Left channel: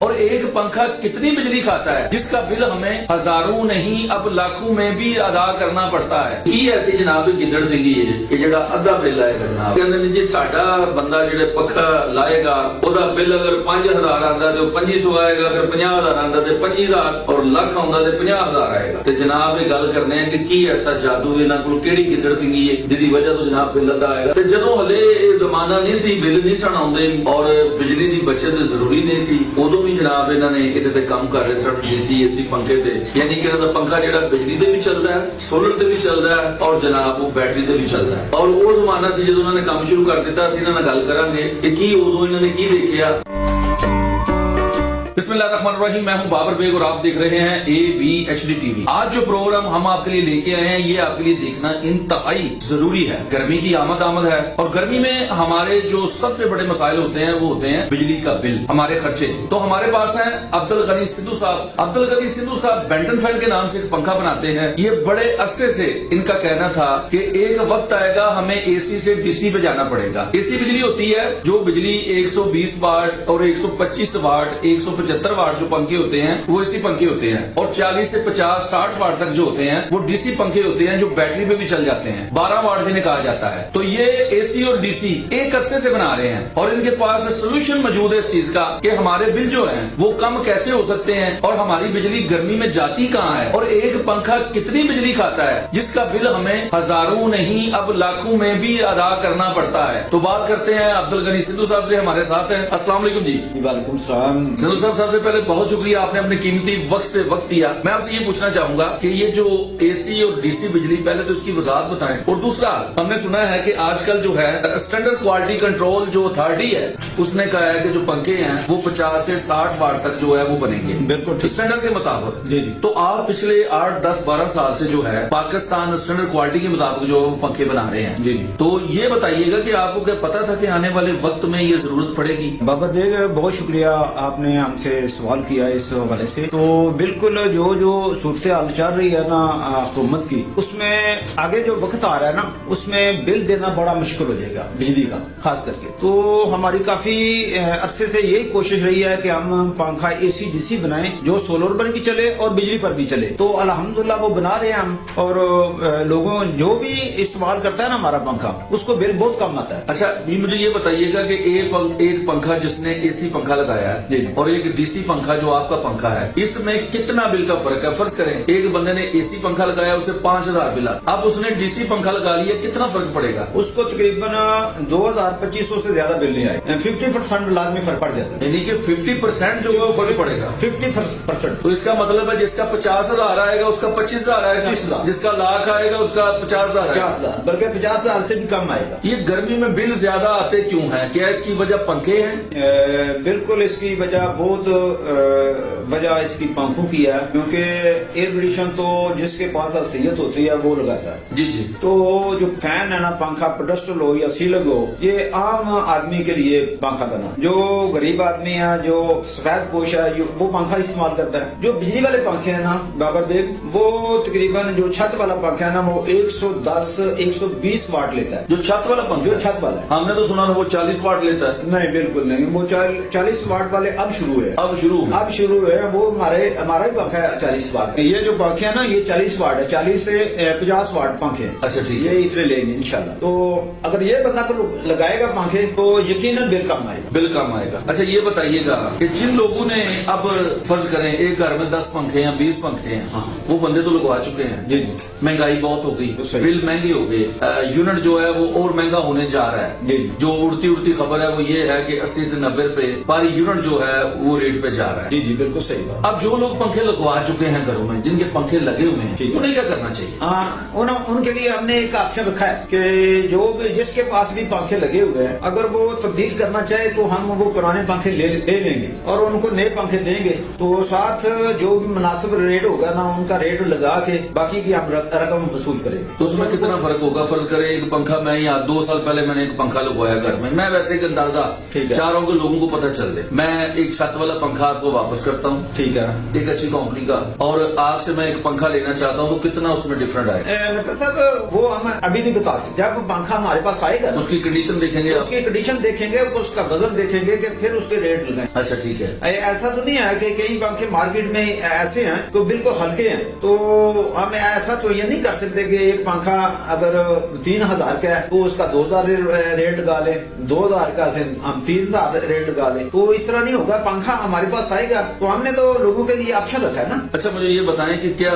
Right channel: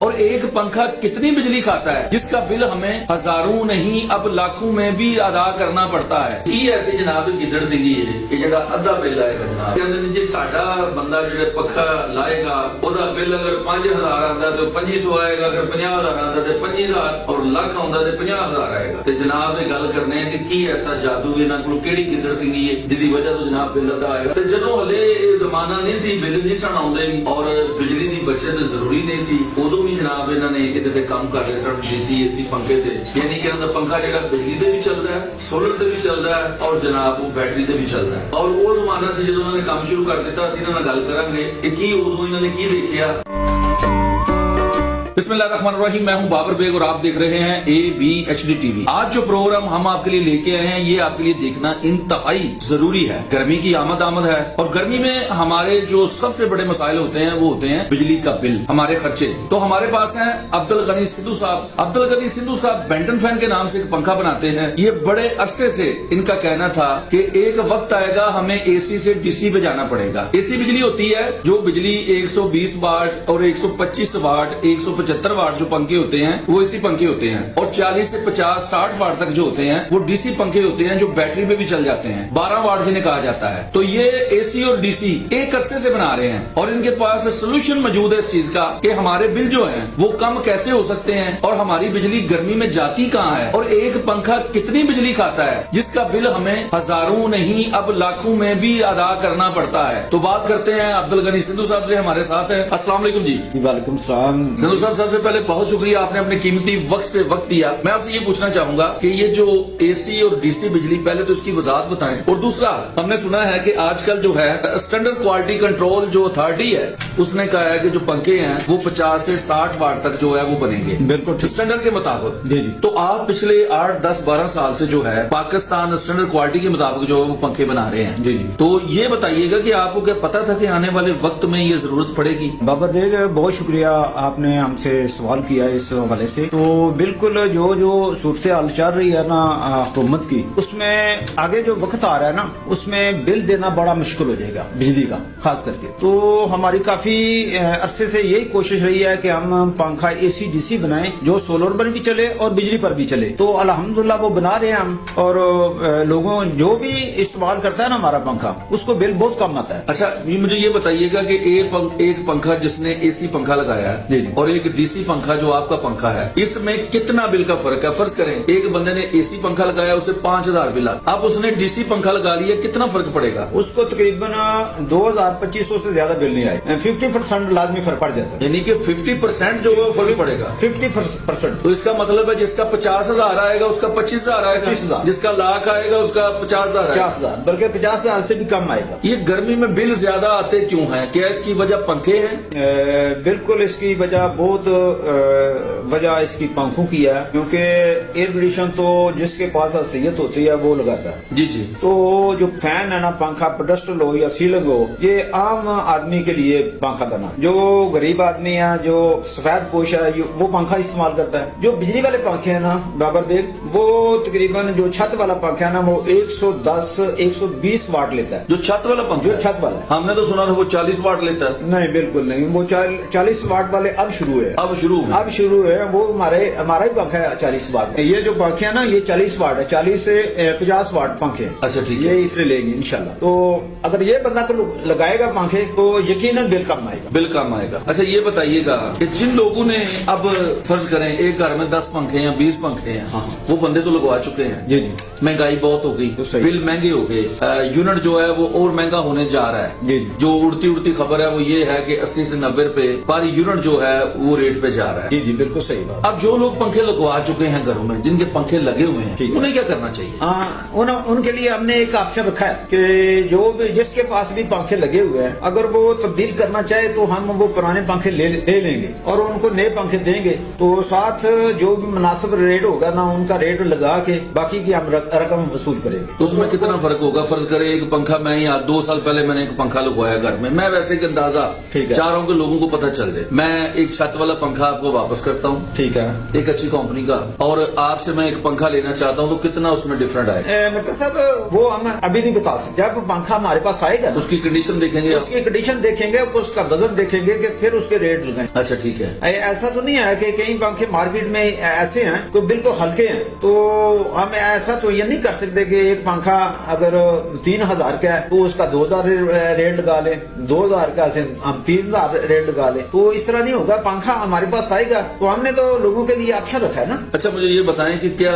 اور ایک پنکھا کتنی بجلی کھاتا ہے جس کا بل ہمیں ہزاروں نہیں اب لاکھوں میں بھی ادا کرنا پڑتا ہے. یہ ایسی جناب گدڑ سنگھی ہے کہ جڑا ادھا بل آئے گا جناب کہندے جی ساڈا بندہ جڑے پنکھا لائے گا اودا بل اگر 5000 آندا تے 2500 آئے گا, اگر 50000 آندا تے 25000 اور لاکھ آندا تے 50000 آئے گا. تے جناب یہ گل کرنے ہیں کہ کی ایسا جادو انہاں کول کیڑی گدڑ سنگھی ہے جدی وجہ تو جناب بل ادا آئے گا. تے جدوں ہلے یہ زمانہ نہیں سی بل نہیں سن آوندے اور بجلی دی بچت ضروری نہیں سی ادوں جناب انہوں نے یہ کام کر رہے سن ڈی سی اے سی پنکھے تے یعنی کہ انہوں پنکھا جہاں بجلی تے بھی چلتا ہے, سولر تے بھی چلتا ہے اور جناب وہ بیٹری تے بھی چلتا ہے. اور وہ زمانہ سے جدوں انہوں نے کام شروع کر دیتا اسی انہوں نے گل کریں گے کہ کی ادوں انہوں نے کی دیکھا. بسم اللہ الرحمن الرحیم. میں ہوں بابر بیگ اور آپ دیکھ رہے ہیں ABHD TV. آج جو پروگرام ہم آپ کے لیے لے کے آئے ہیں یہ آپ کے لیے دیکھنا انتہائی ضروری ہے. گرمی کی آمد ہے اور گرمی میں ہمارے جو سب سے بڑے مسائل ہوتے ہیں وہ ہوتے ہیں بجلی کا بل, ہمارے خرچے. تو ہمارے پاس ہیں عبدالغنی سدھو صاحب. عبدالغنی سدھو صاحب بینٹن فین کے نام سے ایک پنکھا بناتے ہیں. یہ بڑے عرصے سے ان کا کہنا تھا کہ ایک وقت آئے گا ہمیں AC سے DC پہ جانا پڑے گا. AC بجلی ہوتی ہے جو بجلی 120 واٹ اور 125 واٹ 175 واٹ جو پنکھے ہوتے ہیں وہ AC پنکھے ہوتے ہیں, اور 40 سے 50 60 واٹ تک جو ہوتے ہیں وہ DC پنکھے ہوتے ہیں جو بیٹری پہ بھی چل جاتے ہیں. 12 واٹ جنہیں کہا جاتا ہے. تو یہ AC اور DC ایک عرصے سے بنا رہے ہیں اور ان کے پاس سولوشن موجود ہے اس چیز کا کہ ہمارے بل جو ہیں وہ کم کیسے ہو سکتے ہیں اور ہماری بجلی گرمی میں جاتی کہاں ہے, اور ایک پنکھا کتنی بجلی کھاتا ہے جس کا بل ہمیں ہزاروں نہیں اب لاکھوں میں بھی ادا کرنا پڑتا ہے. تو بات کرتے ہیں عبدالغنی سدھو صاحب سے, ہمارے ساتھ ہیں. السلام علیکم جی. وعلیکم السلام. سدھو صاحب سب سے پہلے بہت شکریہ, آپ نے اپنے قیمتی وقت سے وقت دیا. میں آپ سے یہ پوچھنا چاہوں گا کہ یہ جو AC اور DC بجلی, پہلے تو اس کی وضاحت بتائیں, اور دوسرا ہم نے سنا ہے کہ آج کل جو ہے اسٹینڈرڈ کوالٹی کنٹرول جو اتھارٹی ہے اس نے کہا ہے کہ جو پنکھے ہیں وہ 50 سے 60 واٹ تک جو ہے وہ بنیں گے بالکل اسٹینڈرڈ کے مطابق. جی جی. تو آپ پچھلے 8 10 12 سال سے جو ہے پاکستان اسٹینڈرڈ کوالٹی کے مطابق جو ہے وہ پنکھے بنا رہے ہیں. جی جی. تو یہ بتائیے گا کہ آپ کو کیا پتا تھا کہ آنے والے وقت میں یہ ضرورت پڑے گی؟ بابر بیگ بہت شکریہ, آپ نے ہم سے سوال کیا اس حوالے سے. تو بالکل جو صورتحال چل رہی ہے نا حکومت کی, اس میں آگے جو وقت آ رہا ہے نا اس میں بل دینا بڑا مشکل ہو جائے گا بجلی کا خاص کر کے. تو ہماری کافی عرصے سے یہی کوشش رہی ہے کہ ہم پنکھا AC DC بنائیں جو سولر پر بھی چلے اور بجلی پر بھی چلے. تو الحمدللہ وہ بنا رہے ہیں ہم, اور لوگوں جو بھی استعمال کرتا ہے نا ہمارا پنکھا اس کو بل بہت کم آتا ہے. اچھا مجھے یہ بتائیے گا کہ ایک پنکھا جس نے AC پنکھا لگایا ہے جی جی. اور ایک DC پنکھا جو آپ کا پنکھا ہے, اس میں کتنا بل کا فرق ہے؟ فرض کریں ایک بندے نے AC پنکھا لگایا اسے 5000 بل آ, اب اس نے DC پنکھا لگا لیا, کتنا فرق پڑے گا؟ اس کو تقریباً 2200 سے زیادہ بل نہیں آئے, 50% لازمی فرق پڑ جاتا ہے. یعنی کہ 50% جو ہے فرق پڑے گا. 50%. تو اس کا مطلب ہے جس کا 50000 آئے گا اس کا 25000 آئے گا, 25000. جس کا لاکھ آئے گا اس کا 50000 آئے گا, 50,000 بلکہ 50,000 سے بھی کم آئے گا. یہ گرمی میں بل زیادہ آتے کیوں ہیں؟ کیا اس کی وجہ پنکھے ہیں؟ بالکل اس کی وجہ بہت وجہ اس کی پنکھوں کی ہے, کیونکہ ایئر کنڈیشن تو جس کے پاس حیثیت ہوتی ہے وہ لگاتا ہے. جی جی. تو جو فین ہے نا پنکھا پیڈسٹل ہو یا سیلنگ ہو, یہ عام آدمی کے لیے پنکھا بنا. جو غریب آدمی ہے جو سفید پوش ہے وہ پنکھا استعمال کرتا ہے. جو بجلی والے پنکھے ہیں نا بابر بیگ وہ تقریباً جو چھت والا پنکھا ہے نا وہ 110 120 واٹ لیتا ہے. جو چھت والا پنکھا ہے, چھت والا ہم نے تو سنا تھا وہ 40 واٹ لیتا ہے. نہیں بالکل نہیں, وہ 40 واٹ والے اب شروع ہے. اب شروع ہے وہ ہمارا ہی پنکھا ہے 40 واٹ. یہ جو پنکھے ہیں نا یہ 40 واٹ ہے, 40 سے 50 واٹ پنکھے. اچھا ٹھیک ہے, یہ اس میں لیں گے انشاءاللہ. تو اگر یہ بندہ تو لگائے گا پنکھے تو یقیناً بل کم آئے گا. بل کم آئے گا. اچھا یہ بتائیے گا کہ جن لوگوں نے اب فرض کریں ایک گھر میں 10 پنکھے یا 20 پنکھے ہیں, ہاں وہ بندے تو لگوا چکے ہیں. جی جی. مہنگائی بہت ہو گئی, بل مہنگے ہو گئے, یونٹ جو ہے وہ اور مہنگا ہونے جا رہا ہے. جو اڑتی خبر ہے وہ یہ ہے کہ 80 سے 90 روپے پر یونٹ جو ہے وہ ریٹ پہ جا رہا ہے. جی جی بالکل صحیح بات. اب جو لوگ پنکھے لگوا چکے ہیں گھروں میں, جن کے پنکھے لگے ہوئے ہیں, انہیں کیا کرنا چاہیے؟ ان کے لیے ہم نے ایک آپشن رکھا ہے کہ جو بھی جس کے پاس بھی پنکھے لگے ہوئے ہیں اگر وہ تبدیل کرنا چاہے تو ہم وہ پرانے پنکھے لے لیں گے اور ان کو نئے پنکھے دیں گے. تو ساتھ جو بھی مناسب ریٹ ہوگا نا ان کا ریٹ لگا کے باقی کی ہم رقم وصول کریں گے. تو اس میں کتنا فرق ہوگا؟ فرض کریں ایک پنکھا, میں یہاں 2 سال پہلے میں نے ایک پنکھا لگوایا گھر میں, ویسے ایک اندازہ چاروں کے لوگوں کو پتہ چل جائے, میں ایک چھت والا پنکھا آپ کو واپس کرتا हूँ, ठीक है। एक अच्छी कंपनी का, और आपसे मैं एक पंखा लेना चाहता हूँ तो कितना उसमें डिफरेंट आएगा? मतलब साहब वो हम अभी नहीं बता सकते। जब पंखा हमारे पास आएगा ना, उसकी कंडीशन देखेंगे, उसकी कंडीशन देखेंगे, उसका वजन देखेंगे कि फिर उसके रेट लगाएंगे। अच्छा ठीक है। ऐसा तो नहीं है कि कई पंखे मार्केट में ऐसे हैं तो बिल्कुल हल्के हैं, तो हम ऐसा तो ये नहीं कर सकते कि एक पंखा अगर 3000 का है तो उसका 2000 रेट लगा ले, 2000 का हम 3000 रेट लगा ले, तो इस तरह नहीं होगा। पंखा हमारे पास आएगा तो हमने तो लोगों के लिए ऑप्शन रखा है ना। अच्छा मुझे ये बताएं कि क्या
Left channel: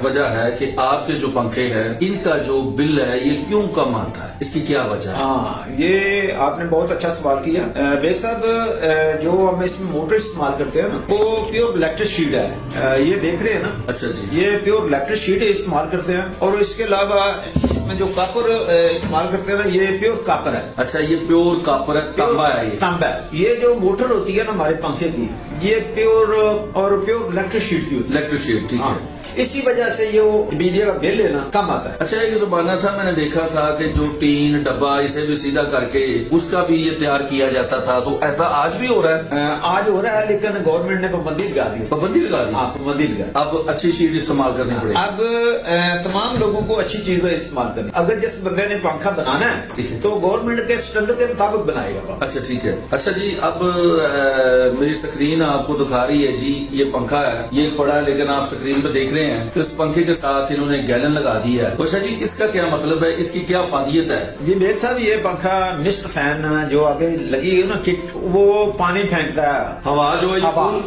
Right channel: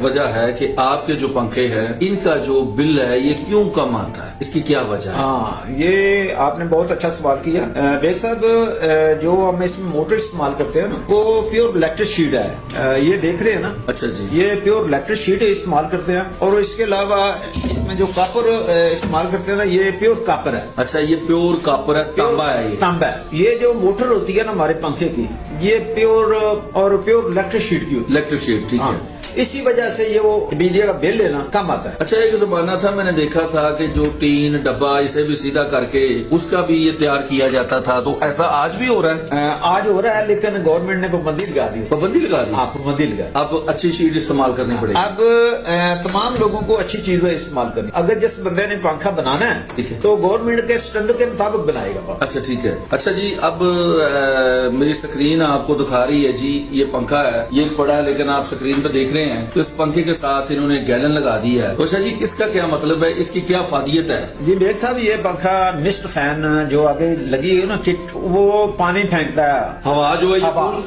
वजह है कि आपके जो पंखे हैं इनका जो बिल है ये क्यों कम आता है, इसकी क्या वजह है? हाँ, ये आपने बहुत अच्छा सवाल किया बेग साहब। जो हम इसमें मोटर इस्तेमाल करते हैं ना, वो प्योर इलेक्ट्रिक शीट है। ये देख रहे हैं ना? अच्छा जी। ये प्योर इलेक्ट्रिक शीट इस्तेमाल करते हैं, और इसके अलावा इसमें जो कॉपर इस्तेमाल करते हैं ना, ये प्योर कॉपर है। अच्छा ये प्योर कॉपर है, तांबा है ये? तांबा है। ये जो मोटर होती है ना हमारे पंखे की, ये प्योर और प्योर इलेक्ट्रिक शीट की होती है। इलेक्ट्रिक शीट, ठीक है। इसी वजह से ये वो बिजली का बिल लेना कम आता है। अच्छा एक जमाना था, मैंने देखा था कि जो टीन डब्बा इसे भी सीधा करके उसका भी ये तैयार किया जाता था, तो ऐसा आज भी हो रहा है? आज हो रहा है, लेकिन गवर्नमेंट ने पाबंदी लगा दी। पाबंदी लगा दी? हाँ, पाबंदी लगा। अब अच्छी शीट इस्तेमाल करनी पड़ेगी। अब तमाम लोगों को अच्छी चीजें इस्तेमाल करनी। अगर जिस बंदे ने पंखा बनाना ठीक है, है तो गवर्नमेंट के स्टैंडर्ड के मुताबिक बनाएगा। अच्छा ठीक है। अच्छा जी, अब मेरी स्क्रीन आपको दिखा रही है जी, ये पंखा है, ये बड़ा है, लेकिन आप स्क्रीन पे देख रहे हैं तो इस पंखे के साथ इन्होंने गैलन लगा दिया है। अच्छा जी, इसका क्या मतलब है, इसकी क्या फादियत है? जी बेग साहब, ये पंखा मिस्ट फैन जो आगे लगी है ना किट, वो पानी फेंकता है, हवा जो है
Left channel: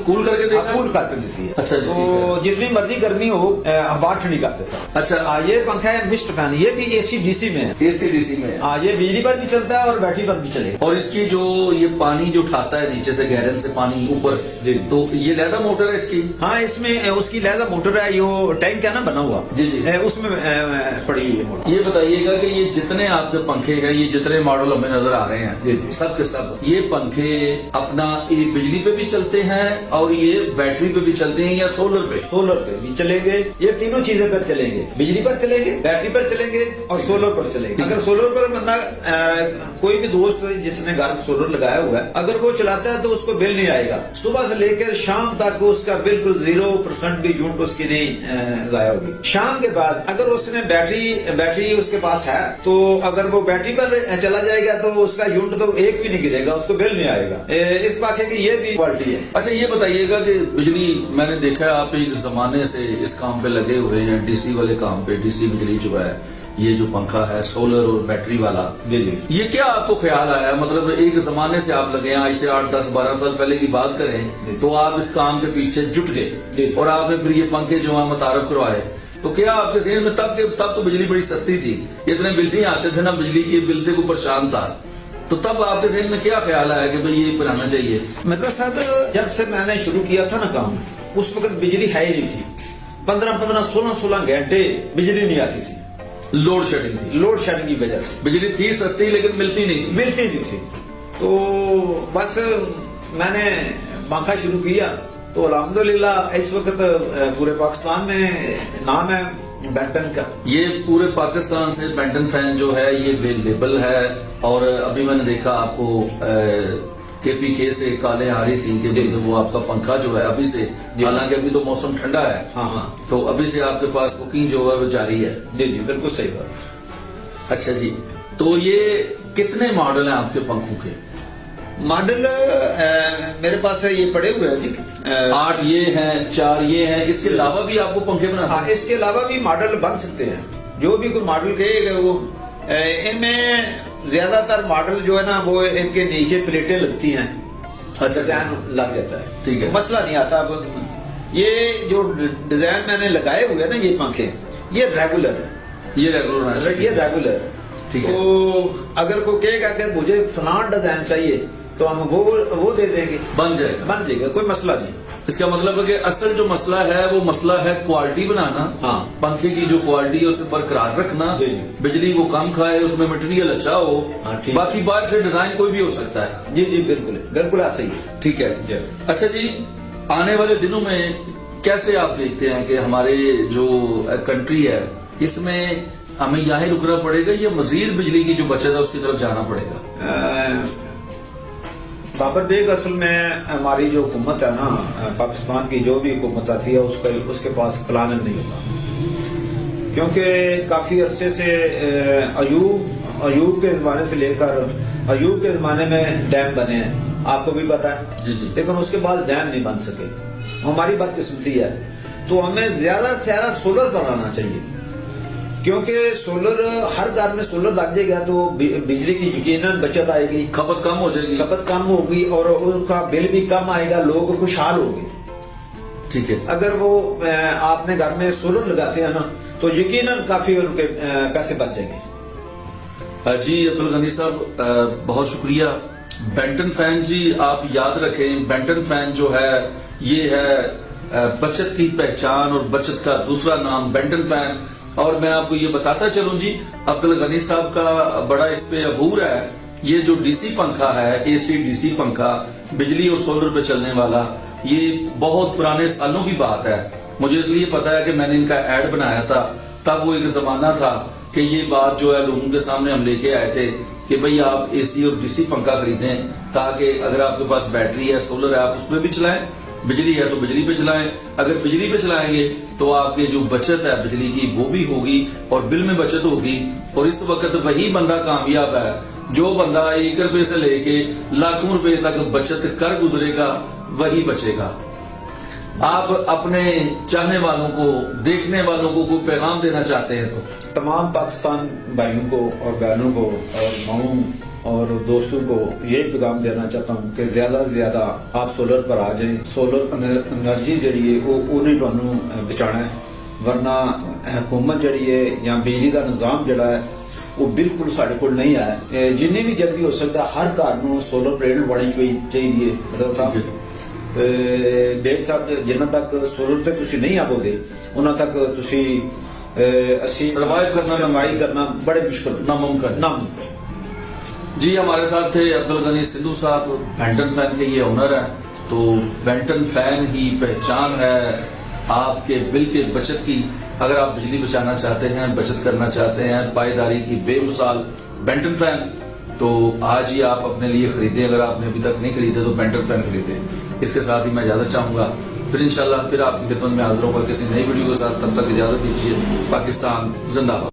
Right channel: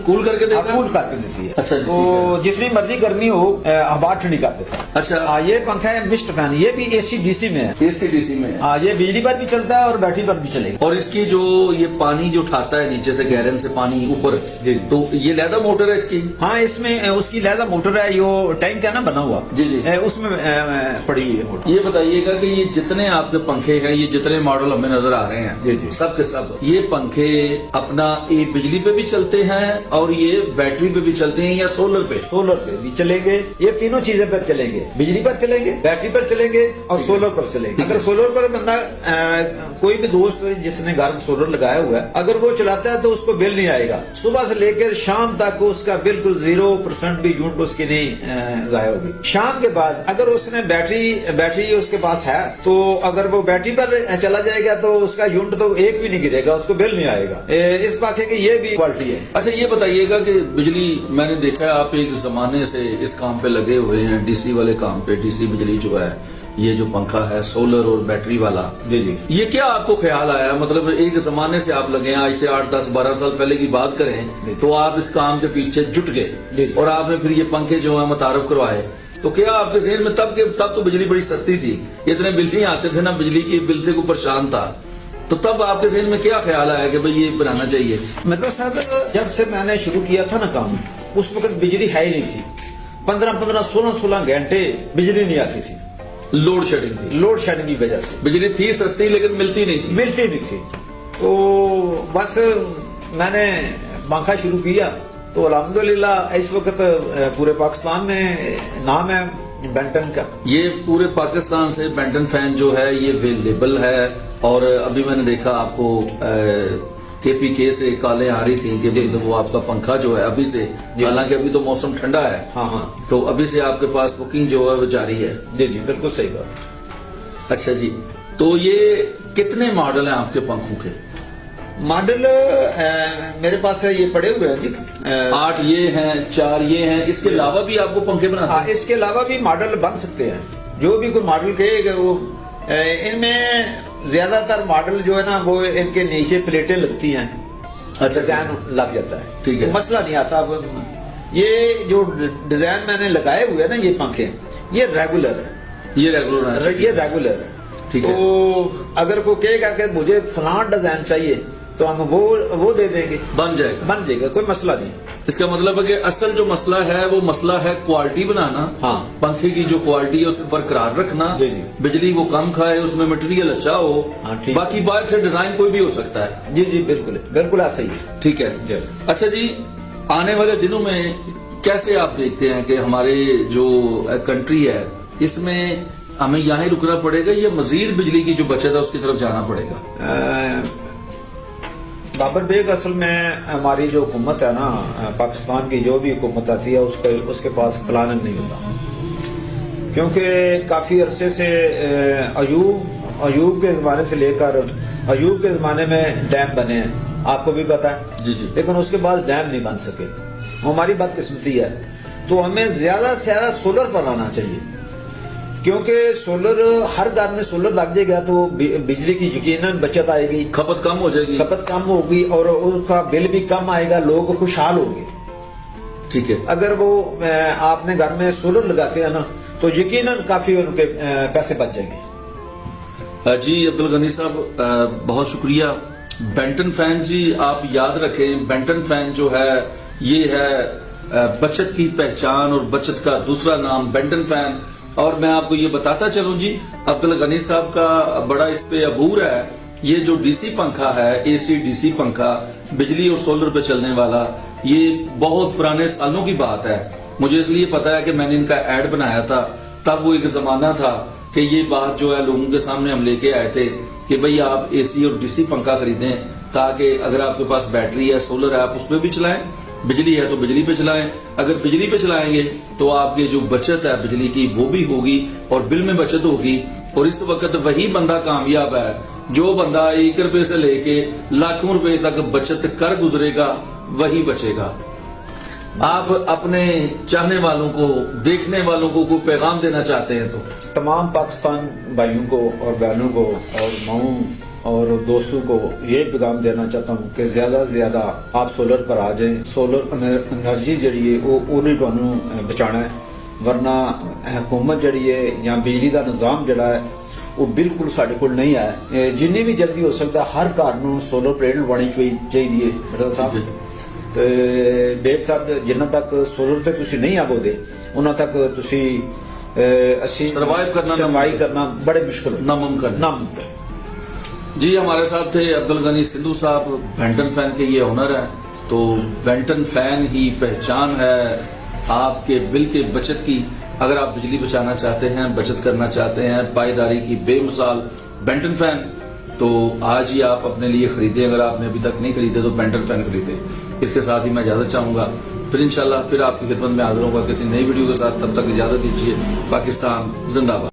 कूल करके देगा? कूल करके देती है। अच्छा जी, तो जितनी मर्जी गर्मी हो हवा ठंडी कर देता है। अच्छा ये पंखा है मिस्ट फैन, ये भी एसी डीसी में है। एसी डीसी में है? ये बिजली पर भी चलता है और बैटरी पर भी चलेगा। और इसकी जो ये पानी जो उठाता है नीचे से गैलन से पानी ऊपर, जी। तो ये लैदा मोटर है इसकी? हाँ, इसमें उसकी लहजा मोटर है, यो टैंक है ना बना हुआ, जी जी, उसमें पड़ी हुई है। ये बताइएगा कि ये जितने आपके पंखे हैं, ये जितने मॉडल हमें नजर आ रहे जी, हैं, जी। सब के सब ये पंखे अपना ये बिजली पे भी चलते हैं और ये बैटरी पे भी चलते हैं या सोलर पे? सोलर पे भी चलेंगे, ये तीनों चीजें पर चलेंगे। बिजली पर चलेंगे, बैटरी पर चलेंगे और सोलर पर चलेंगे। अगर सोलर पर बंदा कोई भी दोस्त जिसने घर में सोलर लगाया हुआ है, अगर वो चलाता है तो उसको बिल नहीं आएगा। सुबह से लेकर शाम तक उसका बिल्कुल 0% भी यूनिट उसकी नहीं जाया होगी। शाम के बाद अगर उसने बैटरी उसके पास है, तो अगर वो बैटरी पर चला जाएगा तो उसका यूनिट तो एक भी नहीं गिरेगा, उसको बिल नहीं आएगा। इस पंखे की ये भी क्वालिटी है। अच्छा ये बताइएगा कि बिजली, मैंने देखा है आप एक जमाने से इस काम पे लगे हुए हैं, डीसी वाले काम पे, डीसी बिजली जो है, ये जो पंखा है सोलर और बैटरी वाला, जी जी। ये क्या आपको ख्याल आया, मतलब एक जमाने से आप लगे हैं, आज से 8, 10, 12 साल पहले की बात करें तो आप इस काम के पीछे जुट गए और आपने फिर ये पंखे जो है मुतारफ करवाए, तो क्या आपके जहन में तब तो बिजली बड़ी सस्ती थी, इतने बिल नहीं आते थे ना, बिजली के बिल से कोई परेशान था, तो तब आपके जहन में क्या ख्याल आया कि भाई ये बनाना चाहिए? मतलब साहब, जब से मैंने शुरू किया था ना काम, उस वक्त बिजली है ही नहीं थी। 15-15, 16-16 घंटे बिजली नहीं आती थी। लोड शेडिंग थी? लोड शेडिंग की वजह से बिजली थी सस्ती लेकिन मिलती नहीं थी। तो बस मैंने पंखा शुरू किया तो अल्हम्दुलिल्लाह इस वक्त पूरे पाकिस्तान में नाम है बेंटन का। ये पूरे पाकिस्तान से बेंटन फैन जो है ये अवेलेबल है, और अभी मैंने देखा आपको KPK से काले आ रही थी कि वो आपका पंखा जो है अभी से, हालांकि अभी तो मौसम ठंडा है, हाँ, तो अभी से आपके पास बुकिंग जो है वो जारी है? जी जी, बिल्कुल सही बात। अच्छा जी, तो ये कितने मॉडल हैं आपके पंखों के? मॉडल मेरे पास ये पड़े हुए हैं जी, 8 ये हैं, 4 ये हैं, इसके अलावा भी आपको पंखे बनाना? हाँ, इसके अलावा भी मॉडल बन सकते हैं। जो भी कोई मॉडल कहेगा वो, इनमें ज्यादातर मॉडल जो है ना वो इनके नीचे प्लेटें लगती हैं। अच्छा, डिजाइन लग जाता है, ठीक है, मसला नहीं आता। अब ये जो डिजाइन मैंने लगाए हुए हैं ना, ये पंखे ये रेगुलर है, ये रेगुलर है, ये रेगुलर है, ठीक है। तो अगर कोई कहेगा कि मुझे फलान डिजाइन चाहिए तो हम वो दे देंगे, बन जाएगा, कोई मसला नहीं। इसका मतलब है कि असल जो मसला है वो मसला है क्वालिटी बनाना, हाँ, पंखे की जो क्वालिटी है उसे बरकरार रखना, जी जी, बिजली को कम खाए, उसमें मटेरियल अच्छा हो, हाँ, ठीक। बाकी बाहर से डिजाइन कोई भी हो सकता है। जी जी, बिल्कुल ऐसा ही है। ठीक है। अच्छा जी, आने वाले दिनों में कैसे आप देखते हैं कि हमारी जो कंट्री है इसमें हमें यहाँ ही रुकना पड़ेगा या मजीद बिजली की जो बचत है उसकी तरफ जाना पड़ेगा? बाबर बेग असल में हमारी जो हुकूमत है ना, पाकिस्तान की जो भी हुकूमत आती है उसके पास प्लान नहीं होता, क्योंकि काफी अरसे से अयूब के जमाने से लेकर अयूब के जमाने में डैम बने हैं, आपको भी पता है, लेकिन उसके बाद डैम नहीं बन सके। हमारी बदकिस्मती है, तो हमें ज्यादा से ज्यादा सोलर बनाना चाहिए, क्योंकि सोलर हर घर में सोलर लग जाएगा तो बिजली की यकीनन बचत आएगी, खपत कम हो जाएगी, खपत कम होगी और उनका बिल भी कम आएगा, लोग खुशहाल होंगे। ठीक है। अगर वो आपने घर में सोलर लगाते हैं ना, तो यकीनन काफी उनके पैसे बच जाएंगे। जी अब्दुल गनी साहब बहुत शुक्रिया। बेंटन फैन जी, आप याद रखें, बेंटन फैन जो है ये है बचत की पहचान और बचत का दूसरा नाम बेंटन फैन। और मैं आपको ये बताता चलूं जी, अब्दुल गनी साहब का बड़ा इस पे अबूर है, ये जो डीसी पंखा है, एसी डीसी पंखा बिजली और सोलर पे चलने वाला, ये बहुत पुराने सालों की बात है। मुझे इसलिए पता है कि मैंने इनका ऐड बनाया था, तब वो एक जमाना था कि ये बात जो है लोगों के सामने हम लेके आए थे कि भाई आप एसी और डीसी पंखा खरीदें, ताकि अगर आपके पास बैटरी है, सोलर है, आप उसमें भी चलाएं, बिजली है तो बिजली पे चलाएं। अगर बिजली पे चलाएंगे तो आपकी जो बचत है बिजली की वो भी होगी और बिल में बचत होगी। और इस वक्त वही बंदा कामयाब है जो बंदा 1 रुपए से लेके लाखों रुपए तक बचत कर गुजरेगा, वही बचेगा। आप अपने चाहने वालों को, देखने वालों को कोई पैगाम देना चाहते हैं तो? तमाम पाकिस्तान भाइयों को और बहनों को और माओं और दोस्तों को ये पैगाम देना चाहता हूँ कि ज्यादा से ज्यादा आप सोलर पर आ जाए। सोलर एनर्जी जरिए उन्हें थानू बचाना है, वरना हुकूमत जड़ी है या बिजली का निजाम जड़ा है वो बिल्कुल साढ़े कोल नहीं है। जिन्नी भी जल्दी हो सकता हर घर नू सोलर प्लेट लगवानी चाहिए। ਤੇ ਬੇਗ ਸਾਹਿਬ ਜਿੰਨਾ ਤੱਕ सोलर ਤੇ ਤੁਸੀਂ नहीं ਆਵੋਗੇ ਉਹਨਾਂ तक ਤੁਸੀਂ सर्वाइव करना बड़े मुश्किल, नामुमकिन। जी हमारे साथ थे अब्दुल गनी सिद्धू साहब, बेंटन फैन के ये ओनर है। तो बेंटन फैन की पहचान है आपके बिल के बचत की। अगर आप बिजली बचाना चाहते हैं, बचत करना चाहते हैं, पायदारी की बेमिसाल बेंटन फैन, तो आज ही आप अपने लिए खरीदें। अगर आपने अभी तक नहीं खरीदा तो बेंटन फैन खरीदें। इसके साथ ही मैं इजाजत चाहूंगा, फिर इंशाल्लाह फिर आपकी खिदमत में हाजिर होगा किसी नई वीडियो के साथ। तब तक इजाजत दीजिए। पाकिस्तान जिंदाबाद।